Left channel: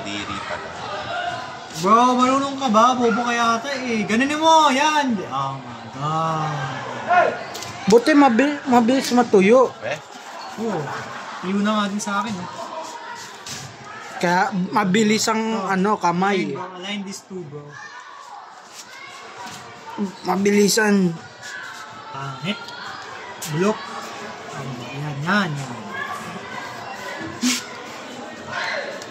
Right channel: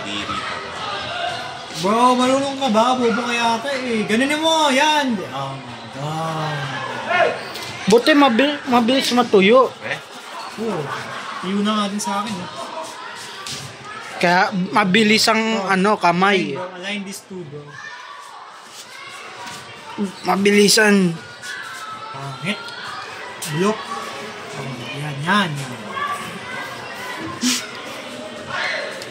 kadiri pa. Bro, marunong ka ba? Bobo ka yata eh. Ganunin mo, yan! Oh my God. Buti mabilis matuyo. Oo. Iyon na nga din sa akin eh. Kaya mabilis ang kamay. Bro, align this two, bro. Mabilisan. Hit. Bulok. Yan.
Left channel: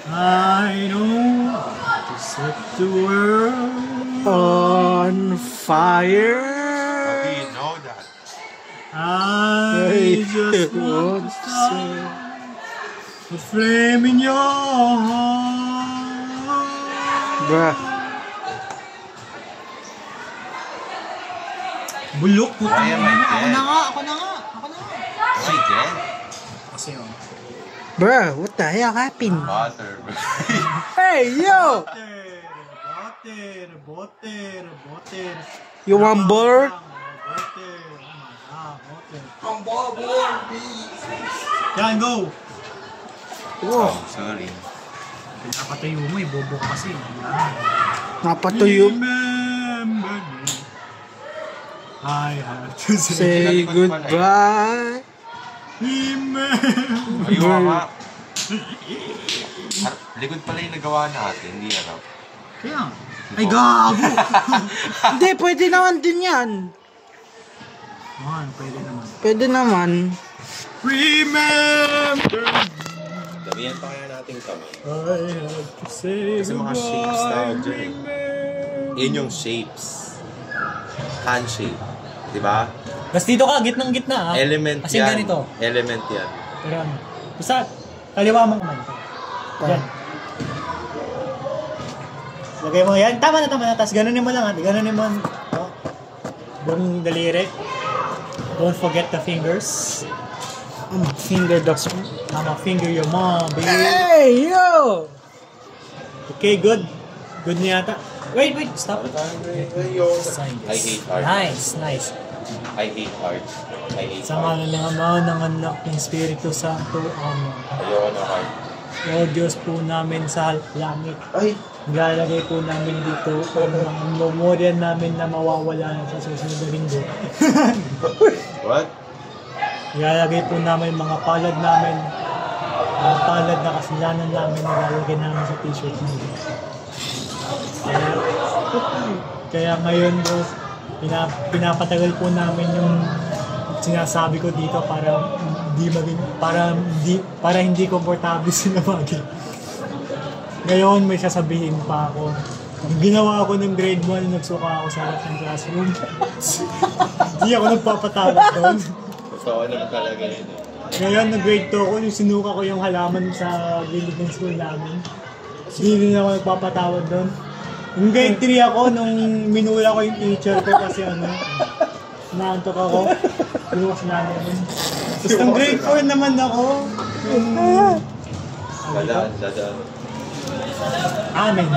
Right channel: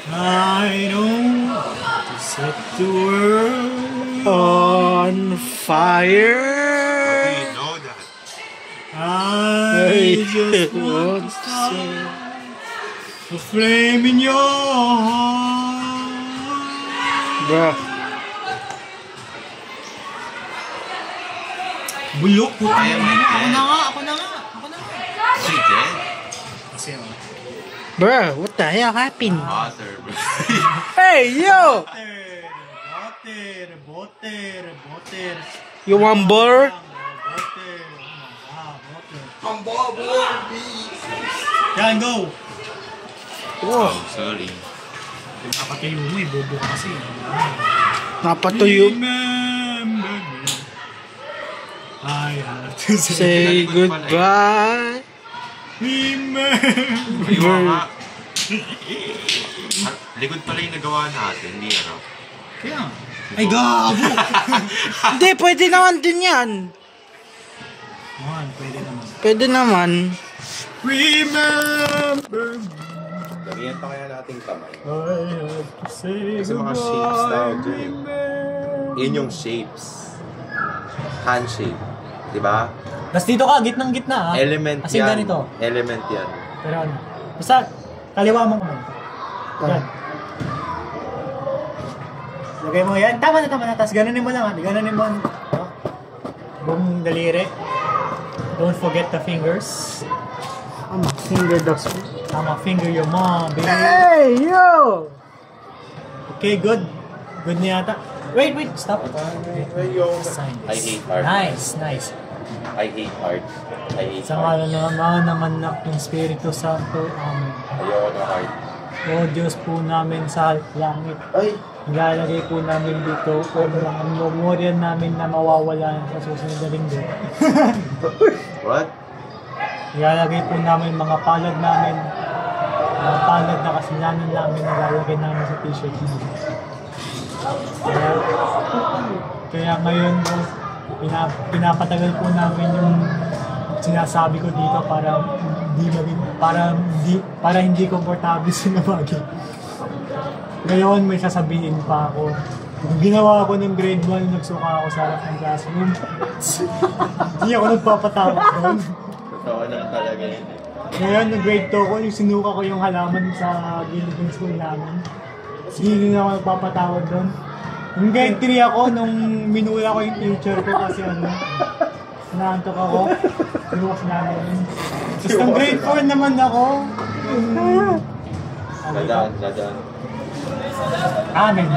I know to set the world on fire. How do you know that? I just want to start the flame in your heart. Bruh. Bulok po. Ay, Ako na nga. Sige. Kasi Bruh, what the hell happened? Water, bro. Hey, yo! Butter. You want butter? Yan, go! Oh, Sorry. Nakatayo mo eh, bobo kasi. napatuyo. Remember me. I have to Say goodbye. Ayun, likod pala yung nagawa natin, hindi ano. Kaya nga. Ay, gago! Hindi, pwede naman din yan. Man, pwede naman. Pwede naman. Remember me. Damihan pa kaya nating kamay. I have to say Kasi mga shapes tayo goodbye. dyan eh. Yun yung shapes. Handshake. Diba? Tapos dito ka, gitnang-gitna ha. Element kasi yan. ganito. Element yan. Pero ano. Basta, kaliwa mo naman. Yan. Lagay mo yan. Tama na. Tapos ganunin mo lang ha. Ganunin mo. Oh. Buong daliri. Don't forget the fingers. Finger dogs. Tama, finger your mom, baby. Hey, yo! Okay, good. Good niya yata. Wait. Stop. Sign I this. hate art. Nice. I hate art. I hate Sa art. ngala naman ng anak ng Espiritu Santo, Ayoko na art. O Diyos po namin sa langit. Ay! Nilalagay po namin dito ang mga memorya namin na mawawala na sa susunod na linggo. What? Nilalagay po namin mga palad namin, mga palad na kasalanan namin nilalagay namin sa t-shirt namin. Kaya ngayon bro, pinapatagal po namin yung sinasabi ko dito para hindi komportable sinamagin. Ngayon may sasabihin pa ako. Ginawa ko ng grade 1, nagsuka ako sa harap ng classroom. Hindi ako nagpapatawag doon. Totoo naman talaga yun eh. Ngayon, nag-grade 2 ko, yung sinuka ko yung halaman sa gilid ng school namin. Hindi na ako nagpapatawag doon. Yung grade 3 ako, nung minula ko yung teacher ko kasi naantok ako. Inuwas namin yun. Tapos nung grade 4 naman ako, Dadaan. amin.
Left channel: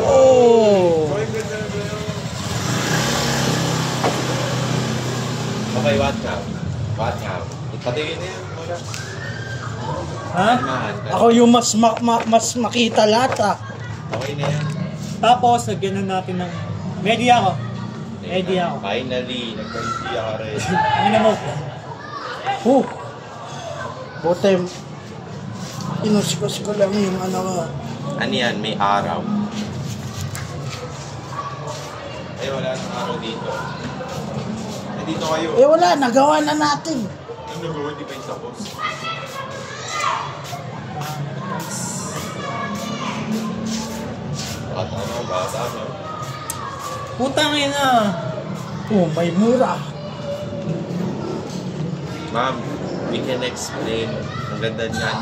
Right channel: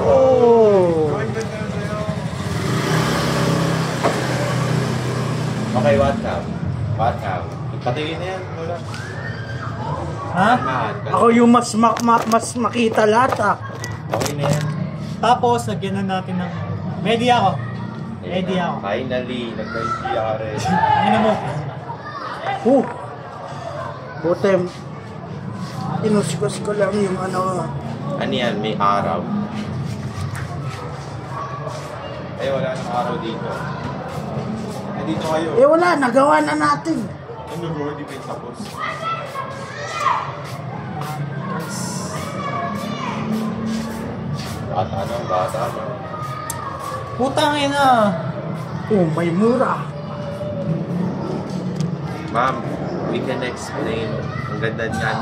Oh! Okay, what now? Ipatingin na yan muna. Ha? Ako yung mas makita lahat ah. Okay na yan. Tapos, lagyan na natin ng... Ready ako. Finally, nagka-idea ka rin. Ano mo? Buti. Inusikos ko lang yung ano. Ano yan? May araw. Ay, wala nang araw dito. Dito kayo. Wala, nagawa na natin. Ano go? Hindi pa yung tapos. Bata, no? Putang ina. May mura. Ma'am, we can explain. Ang ganda niyan.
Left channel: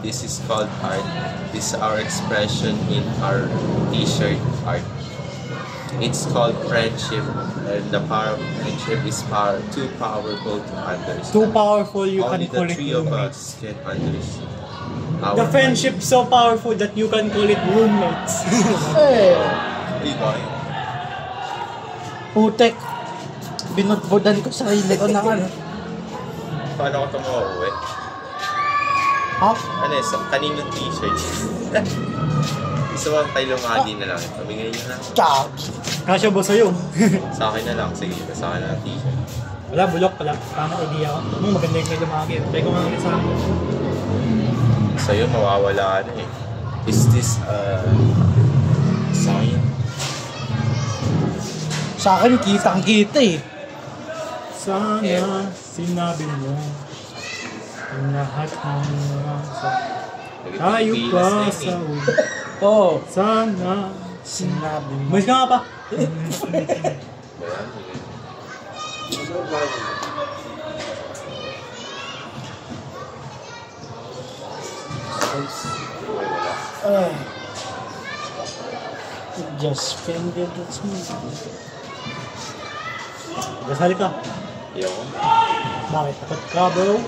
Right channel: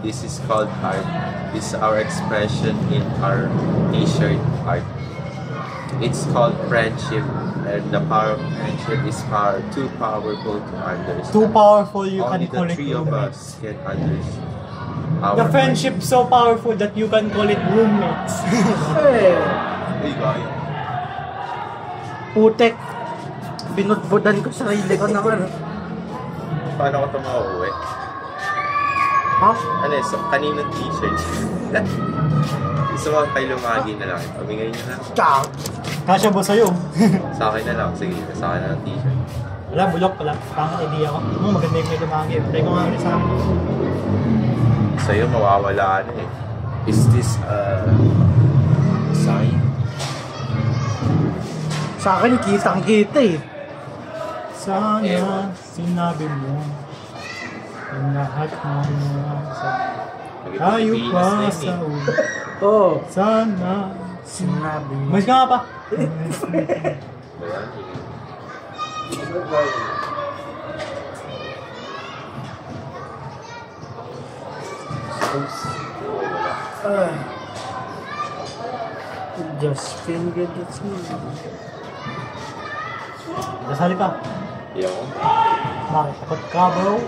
This is called art. This is our expression in our t-shirt art. It's called friendship. And the power of friendship is too powerful to understand. Too powerful, you Only can call the it three of roommates. us can understand. The friendship so powerful that you can call it roommates. Hey! Diba? Putek. Binudbudan ko sarili ko ng ano. Paano ko ito mauwi? Ha? Ano eh, so, kaninong t-shirt? Gusto mo tayo lumagi na lang. Pamingay nyo na. Chag. Kasya ba sa'yo? Sa akin na lang. Sige, sa akin na lang t-shirt. Wala, bulok pala. Tama idea ko. Maganda yung may lumagi. Try ko nga ulit sa akin. Sa'yo, mawawala ka na eh. Is this a sign? Sa akin, kitang-kita eh. Sana sinabi mo yung lahat ng tayo pa sa ulo. Oo. Sana Sinabi mo. Mas ka nga pa. Just finger that's me. Dasal ka. Yo. Bakit? Takot ka, bro?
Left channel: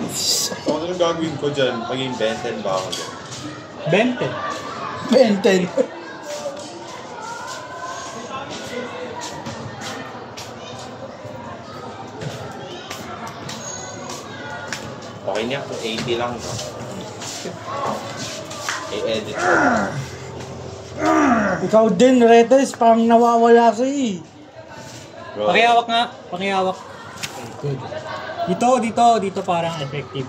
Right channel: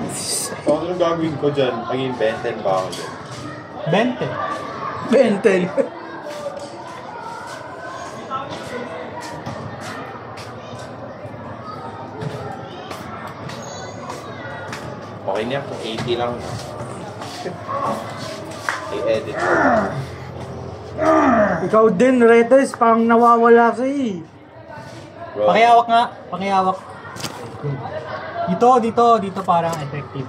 Ano gagawin ko dyan? Pag-inventen ba ako dyan? 20. Benten. Okay niya kung 80 lang. I-edit ko. Ikaw din, Redes, parang nawawala ka eh. Bro, Pakihawak nga. Pakihawak. Good. Dito parang effective.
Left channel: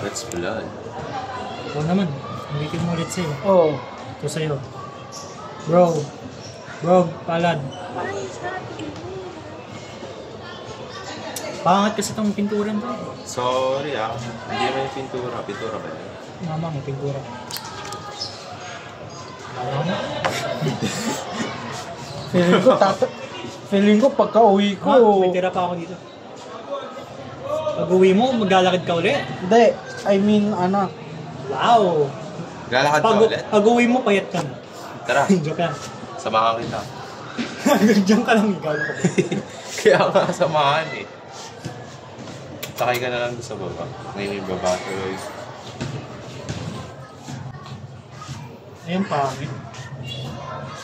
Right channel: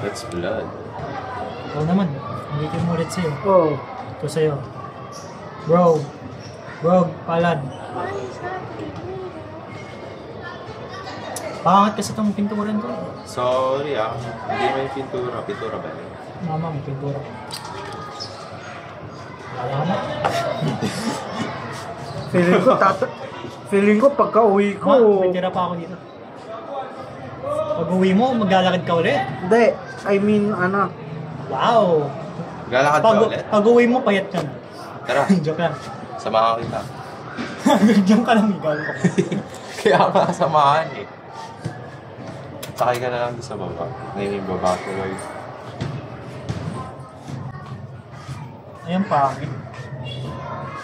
that's blood. Ikaw naman. Ulitin mo ulit sa'yo. Oo. Ito sa'yo. Bro, palad. Pangat kasi itong pinturan ko. Sorry ah. Hindi naman yung pintura. Pintura ba yun? Mama mo, pintura. Wala na. Feeling ko pagka uwi ko. May tira pa ako dito. Pag uwi mo, maglalakad ka ulit. Hindi, I mean ano. Wow! Galakad ka ulit? Pag uwi mo, payat ka na. Tara, Joke lang. samahan kita. Diyan ka lang, ikaw. Kaya nga samahan eh. Sakay ka na lang doon sa baba. Ngayon yung baba ko guys. Ayun, pangit.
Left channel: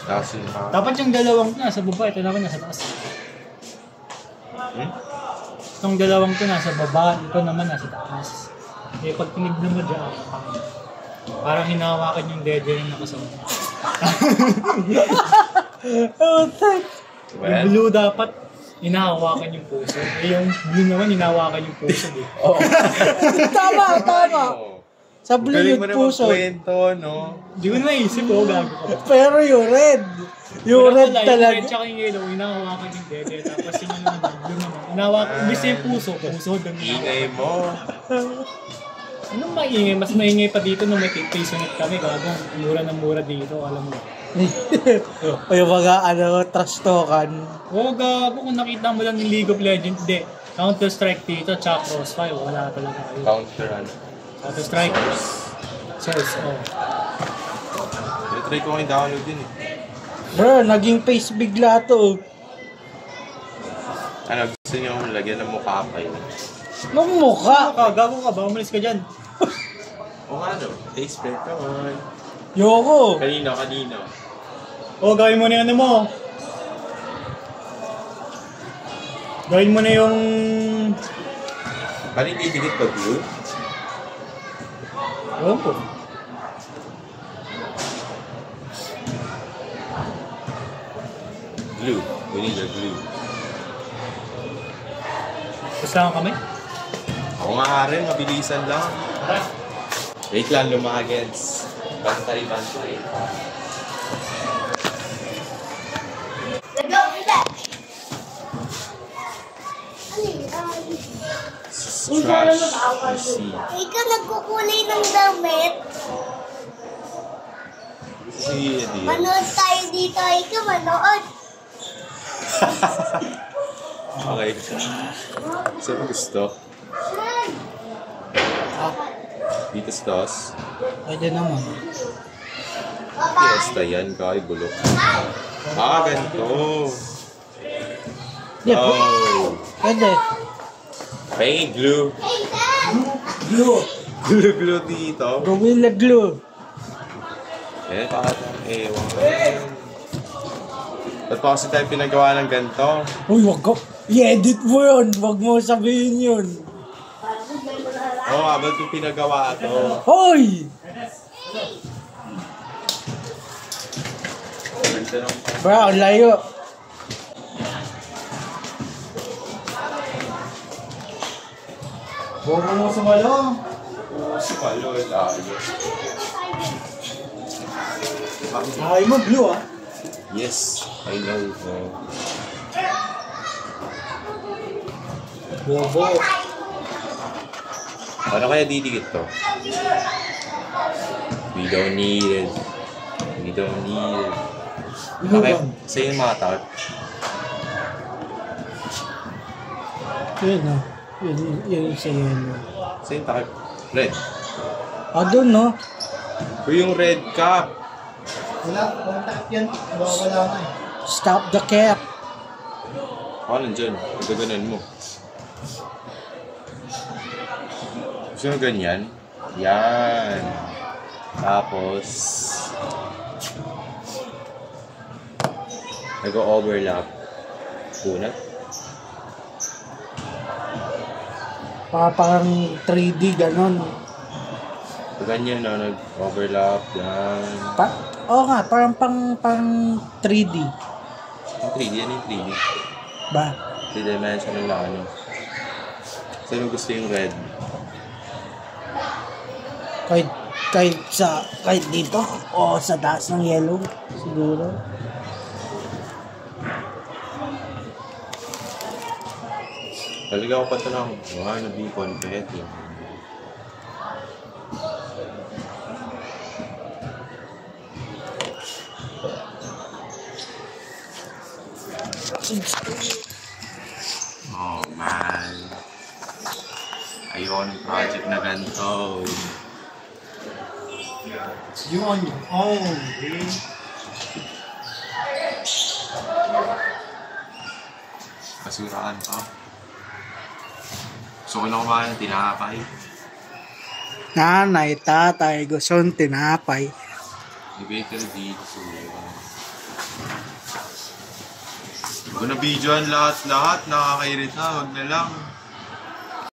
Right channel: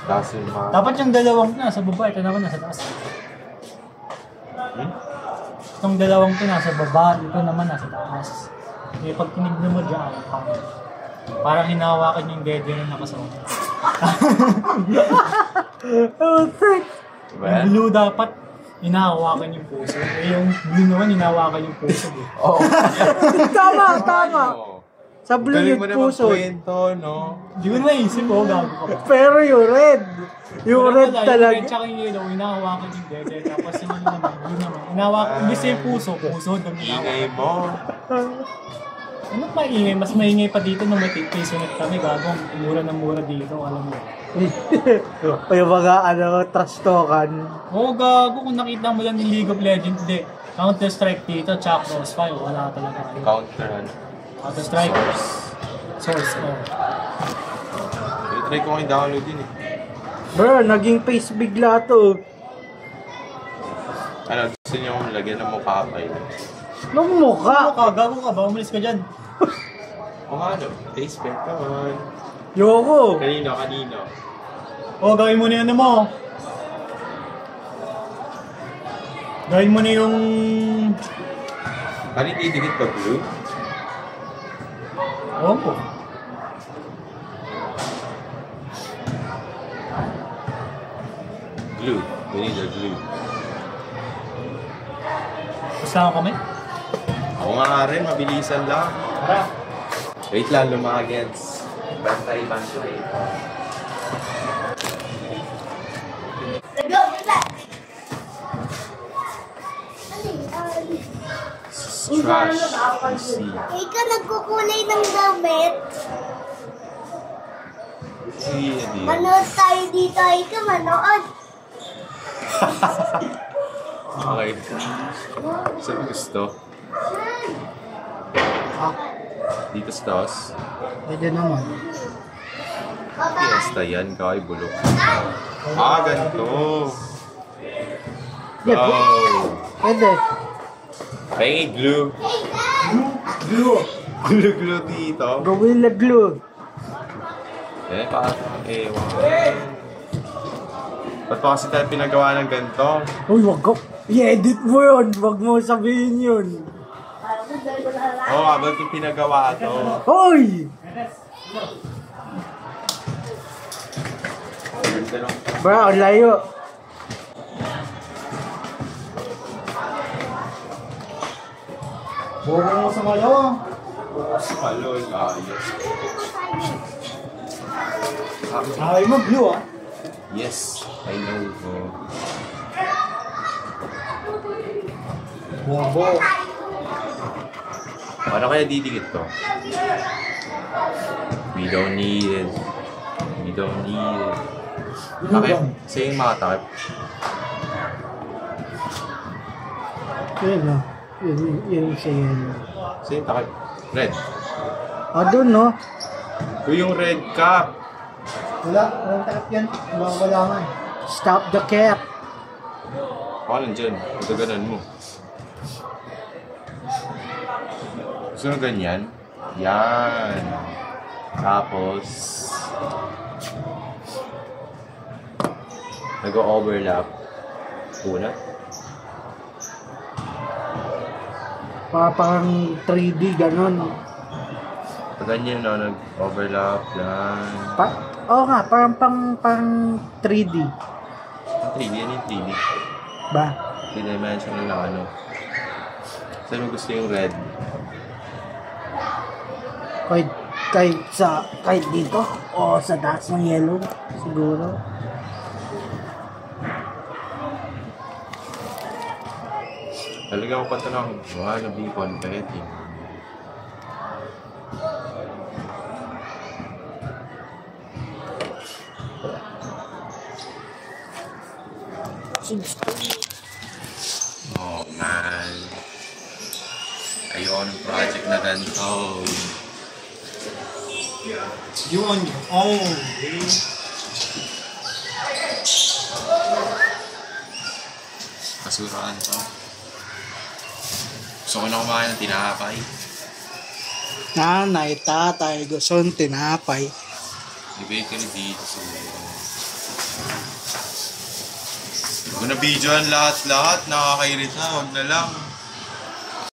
Tapos yung mga... Dapat yung dalawang nasa baba, ito naman nasa taas. Itong dalawang to nasa baba, ito naman nasa taas. Eh, pag tinignan mo dyan, pangit. Parang hinahawakan yung dede ng nakasama. Oh, thanks. Diba? Yung blue dapat, hinahawakan yung puso. Eh, yung blue naman, hinahawakan yung puso. Eh. Oo. Tama. Sa blue Galing yung mo naman puso. kwento, no? Hindi ko naisip, gago ka ba? Pero yung red. Yung Wala red pala, talaga. Yung red tsaka yung yellow, hinahawakan yung dede. Tapos yung ano naman, blue naman. Hinahawakan, imbis yung puso doon Ingay mo. Anong maingay? Mas maingay pa dito nung may pisunod kami. Gagong mura ng mura dito, alam mo. O yung mga trash talkan. Oo, gago. Kung nakita mo lang yung League of Legends, hindi. Counter-Strike dito, tsaka Crossfire, wala talaga. Counter ano. Counter-Strike. Source, oh. Try ko yung download yun eh. Bro, naging face bigla to. Ano, gusto niyo lagyan ng mukha pa yun? Nung mukha. Gago ka ba? Umalis ka dyan. O nga no, face paint naman. Yoko. Kanina. Oh, gawin mo na yung ano mo. Gawin mo na yung... Bakit didikit pa blue? Oo po. Glue. We need a glue. Gusto kami? Ako nga rin, mabilisan lang. Tara. Wait lang, lumagets. Bantay. Trash. See. Ikaw nagkukulay ng damit. See, Manood tayo dito. Ikaw manood. Okay. Saan gusto? Dito sa taas. Pwede naman. Fiesta yan, kay bulok. Ganito. Yeah, Oh. pwede. Ay, glue. Glue dito. Gorilla glue. Eh, parang ewan. Ba't pa kasi tayo pinagawa ng ganito? Uy, wag ko. I-edit mo yun. Wag mo sabihin yun. O Oo, habang ko pinagawa to. Hoy! Ganda nung... Bra, ang layo. Bobo mo sa malo. Malol, ayos. Ay mo, blue ah. Yes, I know. Bobo. Ano kaya didikit to? We don't need it. We don't need it. Takip. Sa'yo yung mga takip. Yun o. Yun sa yellow. Sa'yo yung takip. Red. Ah, doon no? Yung red cap. Wala, walang takip yan. Wala nga eh. Stop the cat. Baka nandyan. Ito ganun mo. Gusto mo ganyan? Yan. Tapos, nag-overlap. Una. Parang 3D, gano'n. Pag ganyan, no, nag-overlap. Yan. Oo nga, parang 3D. Yung 3D, yan yung 3D. Ba? 3-dimensional na ano. Saan mo gusto yung red? Kahit dito o sa taas ng yellow siguro. Talaga ko pa ito lang. Mga nabipon. Kahit yun. Oh man. Ayoko ng project na ganito. You on your own, eh. Kasuraan to. Gusto ko na kumain ng tinapay. Nanay, tatay, gusto ng tinapay. Ibig ka na dito. Huwag na videoan lahat-lahat. Nakakairita. Huwag na lang.